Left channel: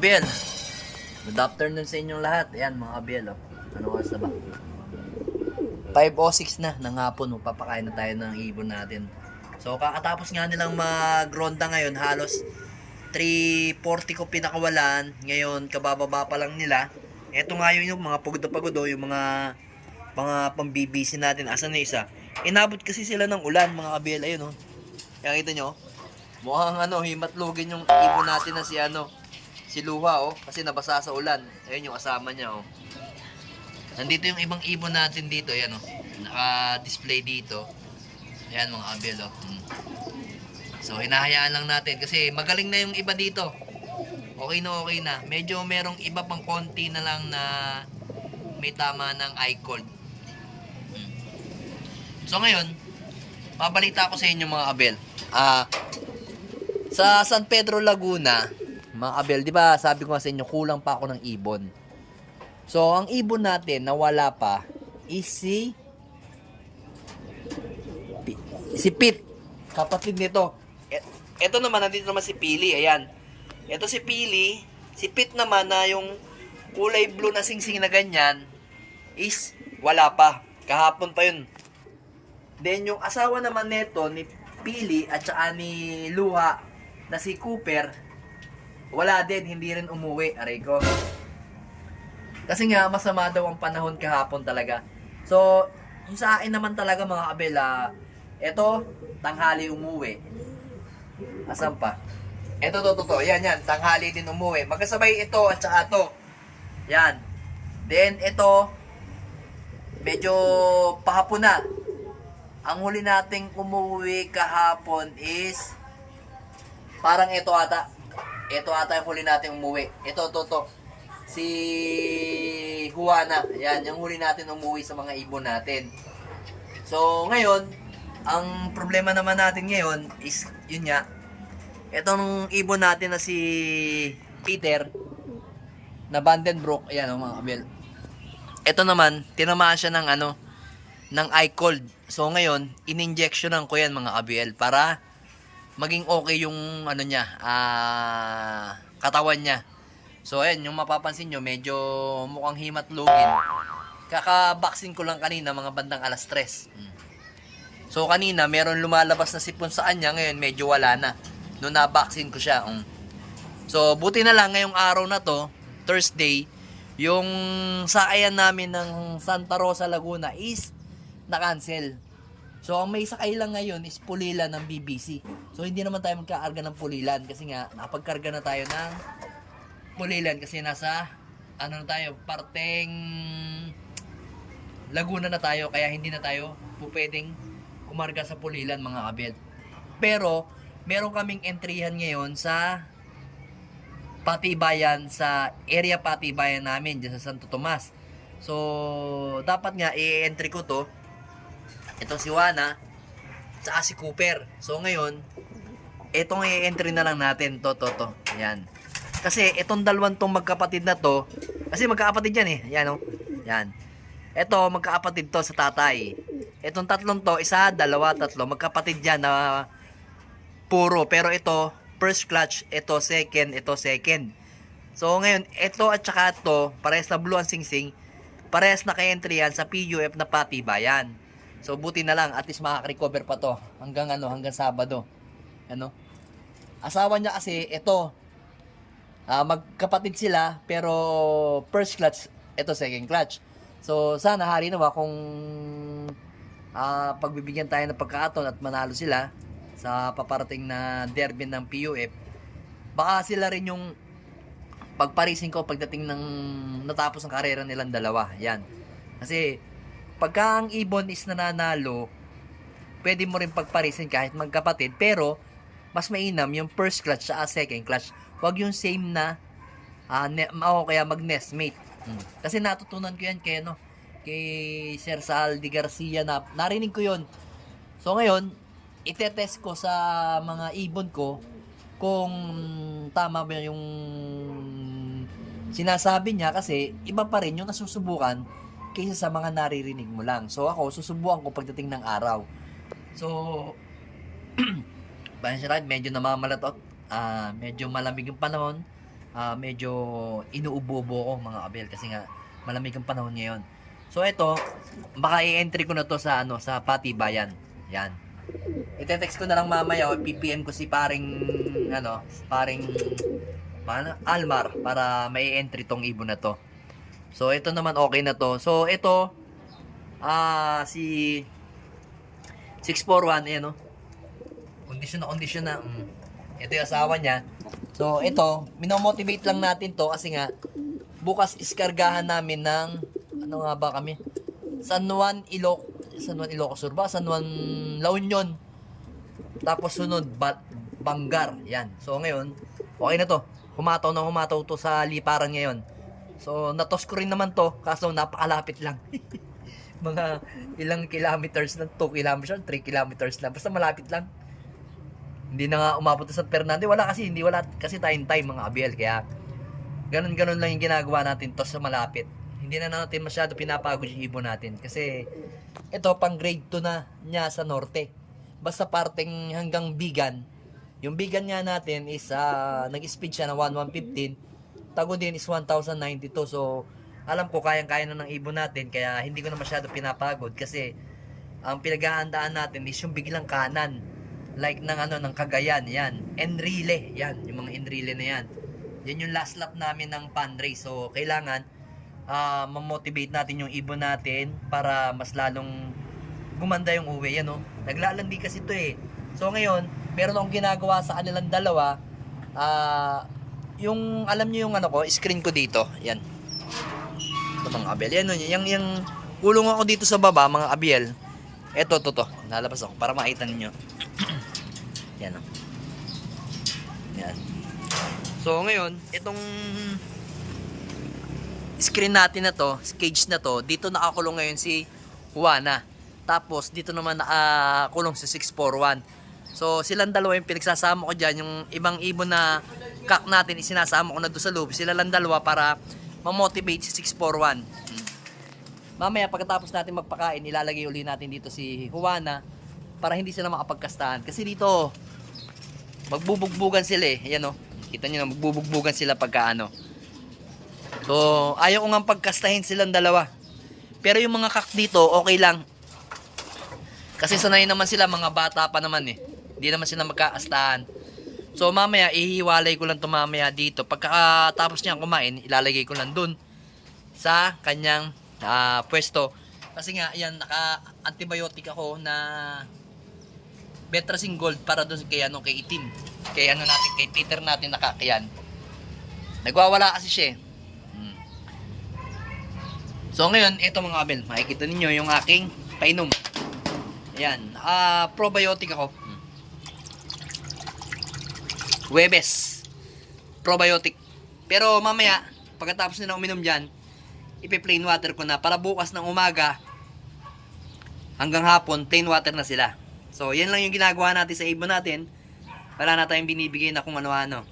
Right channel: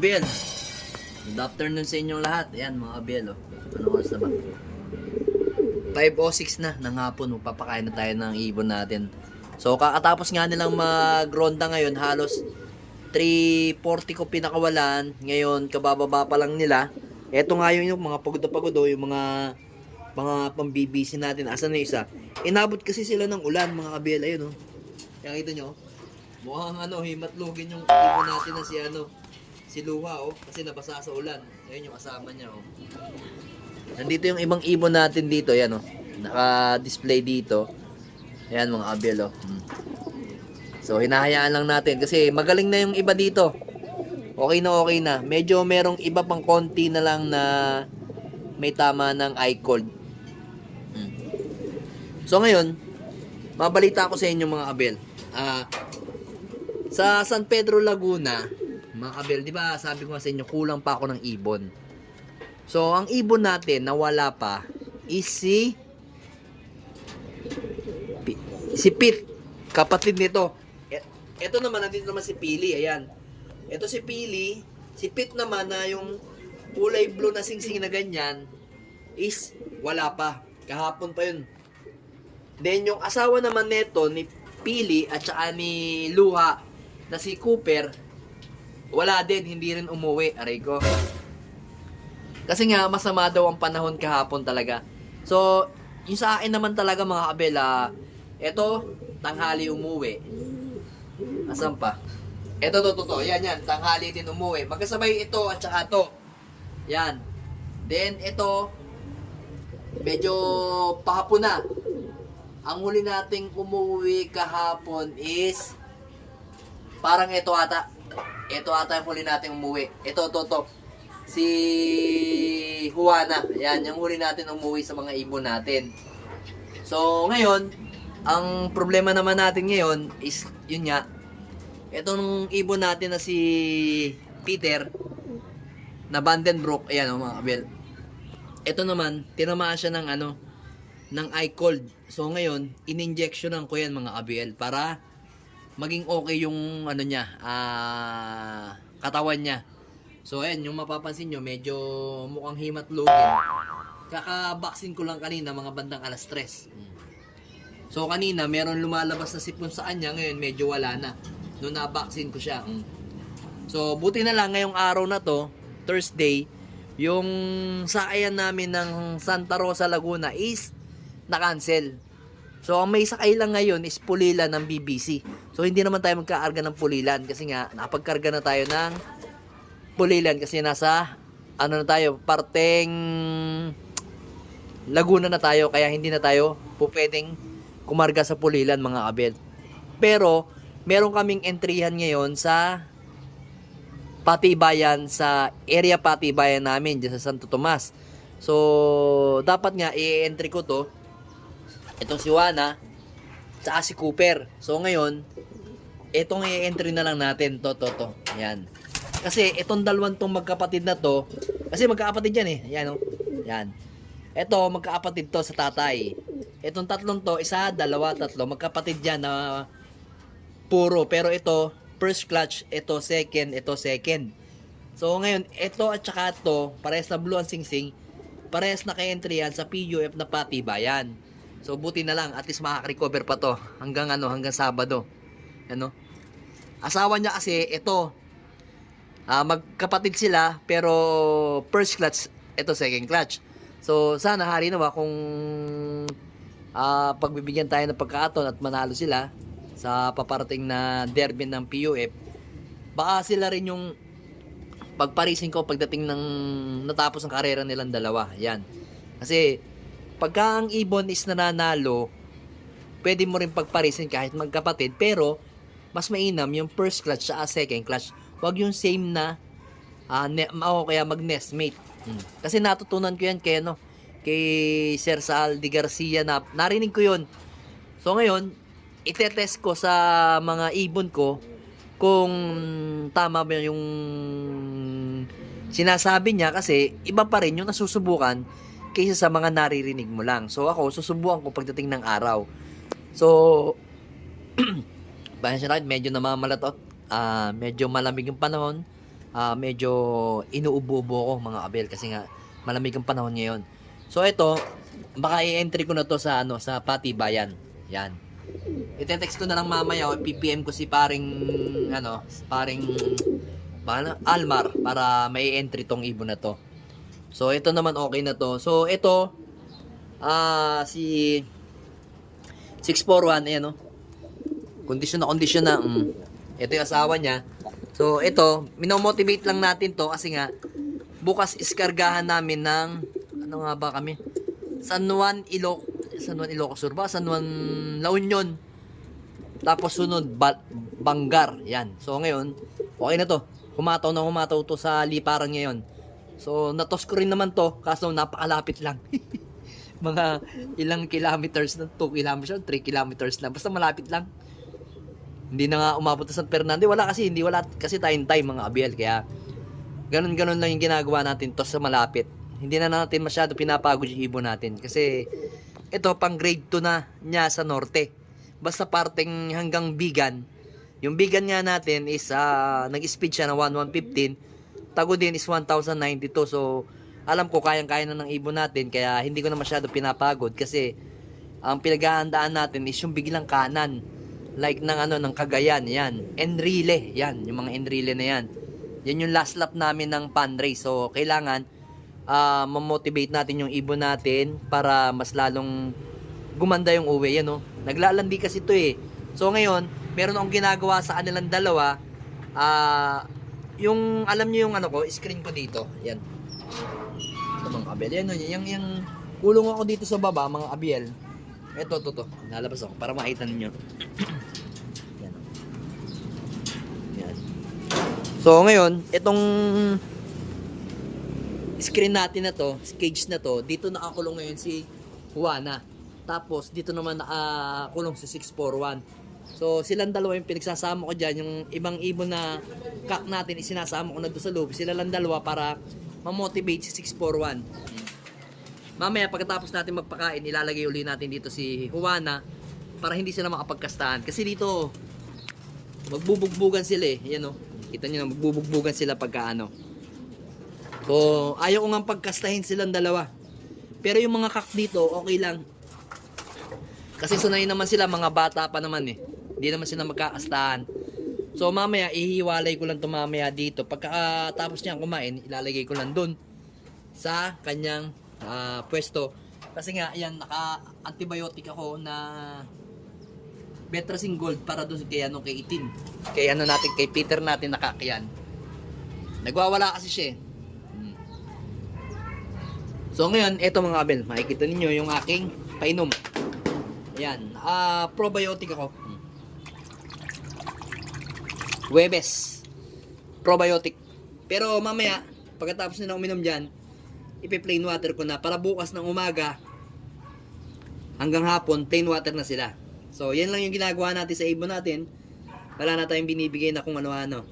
Abel, good afternoon sa inyong lahat. Ayan mga Abel, oh. Anong oras na ba? 5:06 na ng hapon. Magpapakain na tayo ng ibon natin. So kakatapos nga nilang magronda ngayon, halos 3:40 ko pinakawalan. Ngayon kabababa pa lang nila. Ito nga yung mga pagod na pagod, oh, yung mga pambibisi natin. Asan na isa? Inabot kasi sila ng ulan mga Abel. Ayun, oh. Kaya kita nyo, mukhang himatlugin yung ibon natin na si Luha, oh, kasi nabasa sa ulan. Ayun yung kasama niya, oh. Nandito yung ibang ibon natin dito, yan, oh. Naka-display dito. Ayan mga Abel, oh. So hinahayaan lang natin kasi magaling na yung iba dito. Okay na. Medyo merong iba pang konti na lang na may tama ng eye cold. So ngayon, mabalita ko sa inyo mga Abel. Sa San Pedro Laguna, mga Abel, di ba sabi ko nga sa inyo, kulang pa ako ng ibon. So, ang ibon natin na wala pa is si Pete, kapatid nito. Ito naman, nandito naman si Pili, ayan. Ito si Pili, si Pete naman na yung kulay blue na singsing na ganyan, is wala pa. Kahapon pa yun. Then, yung asawa naman nito, ni Pili at saka ni Luha, na si Cooper, wala din, hindi rin umuwi, aray ko. Kasi nga, masama daw ang panahon kahapon talaga. So, yung sa akin naman talaga mga Abel, eto, tanghali umuwi. Asan pa? Eto, to. Yan, tanghali din umuwi. Magkasabay ito at saka to. Yan. Then, ito, medyo pahapon na. Ang huli nating umuwi kahapon is parang ito ata. Ito ata yung huli nating umuwi. Ito, to. Si Juana. Yan, yung huli natin umuwi sa mga ibon natin. So, ngayon, ang problema naman natin ngayon is, yun nga, itong ibon natin na si Peter, na Vandenbroek, ayan mga Abel. Ito naman, tinamaan siya ng eye cold. So, ngayon, in-injectionan ko yan mga Abel para maging okay yung katawan niya. So ayan, yung mapapansin nyo, medyo mukhang himatlugin. Kaka-vaccine ko lang kanina, mga bandang alas 3. So kanina, meron lumalabas na sipon sa kanya, ngayon medyo wala na. Noong na-vaccine ko siya. So buti na lang ngayong araw na to, Thursday, yung sakayan namin ng Santa Rosa Laguna is na-cancel. So ang may sakay lang ngayon is Pulilan ng BBC. So hindi naman tayo magkaarga ng Pulilan kasi nga nakapagkarga na tayo ng Pulilan kasi nasa na tayo, parteng Laguna na tayo, kaya hindi na tayo pwedeng kumarga sa Pulilan mga Abel. Pero meron kaming entryhan ngayon sa Patibayan, sa area Patibayan namin dyan sa Santo Tomas. So dapat nga i-entry ko to, itong si Juana saka si Cooper. So ngayon, itong i-entry na lang natin to. Yan. Kasi itong dalawang tong magkapatid na to, kasi magkakapatid yan eh. Yan, oh. Yan. Ito, magkakapatid to sa tatay. Itong tatlong to, isa, dalawa, tatlo, magkapatid yan na puro. Pero ito, first clutch, ito second. So ngayon, ito at saka ito, parehas na blue ang singsing, parehas na kay-entry yan sa PUF na Patibayan. So buti na lang, at least makaka-recover pa to hanggang Sabado. Asawa niya kasi ito, magkapatid sila pero first clutch, ito second clutch. So sana hari nawa kung pagbibigyan tayo ng pagkakataon at manalo sila sa paparating na derby ng PUF, baka sila rin yung pagparisin ko pagdating ng natapos ang karera nilang dalawa. Yan. Kasi pagka ang ibon is nananalo, pwede mo rin pagparisin kahit magkapatid, pero mas mainam yung first clutch sa second clutch. Huwag yung same na kaya mag-nestmate. Kasi natutunan ko yan kay Sir Saldi Garcia, na narinig ko yun. So ngayon, itetest ko sa mga ibon ko kung tama ba yung sinasabi niya, kasi iba pa rin yung nasusubukan kaysa sa mga naririnig mo lang. So ako, susubukan ko pagdating ng araw. So medyo namamalatot, medyo malamig yung panahon, medyo inuubo-ubo ko mga abel kasi nga malamig ang panahon ngayon. So ito, baka i-entry ko na to sa sa Patibayan. Yan. I-text ko na lang mamaya o PPM ko si paring Almar para may entry tong ibon na to. So ito naman okay na to. So ito si 641 ayan kondisyon na. Ito yung asawa niya. So ito, minomotivate lang natin to kasi nga bukas iskargahan namin ng nga ba kami? San Juan Ilocos Sur ba? San Juan La Union. Tapos sunod Bangar. Yan. So ngayon, okay na to. Humataw to sa liparan ngayon. So natos ko rin naman to kaso napakalapit lang. Mga ilang kilometers na, 2 kilometers, 3 kilometers na. Basta malapit lang. Hindi na nga umabot sa San Fernando. Wala kasi tayong time mga abel. Kaya ganun lang yung ginagawa natin to sa malapit. Hindi na natin masyado pinapagod yung ibon natin. Kasi ito pang grade 2 na niya sa norte. Basta parting hanggang Bigan. Yung Bigan nga natin is nag-speed siya na 1115. Tago din is 1092. So alam ko kayang-kaya na ng ibon natin. Kaya hindi ko na masyado pinapagod. Kasi ang pinaghahandaan natin is yung biglang kanan. Like ng Cagayan. Yan. Enrile. Yan. Yung mga Enrile na yan. Yan yung last lap namin ng pan race. So kailangan mamotivate natin yung ibon natin para mas lalong gumanda yung uwi. Yan naglalandi kasi ito eh. So ngayon, meron akong ginagawa sa kanilang dalawa. Yung alam niyo yung screen ko dito. Yan. Ito mga abel. Yan yung kulong ako dito sa baba mga abel. Ito to. Nalabas ako para makita niyo. Yan Yan. So ngayon, itong screen natin na to, cage na to, dito nakakulong ngayon si Juana. Tapos dito naman nakakulong si 641. So silang dalawa yung pinagsasama ko dyan. Yung ibang ibon na kak natin isinasama ko na doon sa loob. Sila lang dalawa para mamotivate si 641. Mamaya pagkatapos natin magpakain, ilalagay uli natin dito si Juana para hindi sila makapagkastahan. Kasi dito magbubugbugan sila eh. Ayan kita nyo na magbubugbugan sila pagka So ayaw ko nga pagkastahin silang dalawa. Pero yung mga kak dito okay lang. Kasi sanay naman sila, mga bata pa naman eh. Hindi naman sila magkakastahan. So mamaya ihiwalay ko lang ito mamaya dito. Pagkatapos niya kumain, ilalagay ko lang dun sa kanyang pwesto. Kasi nga yan, naka-antibiotic ako na Betracin Gold para doon kay itim. Kay natin, kay Peter natin nakakayan. Nagwawala kasi siya eh. So ngayon, ito mga abel, makikita ninyo yung aking painom. Ayan, probiotic ako. Webes. Probiotic. Pero mamaya, pagkatapos nila uminom dyan, ipi-plain water ko na para bukas ng umaga hanggang hapon, plain water na sila. So, yan lang yung ginagawa natin sa ibon natin. Wala na tayong binibigay na kung ano-ano.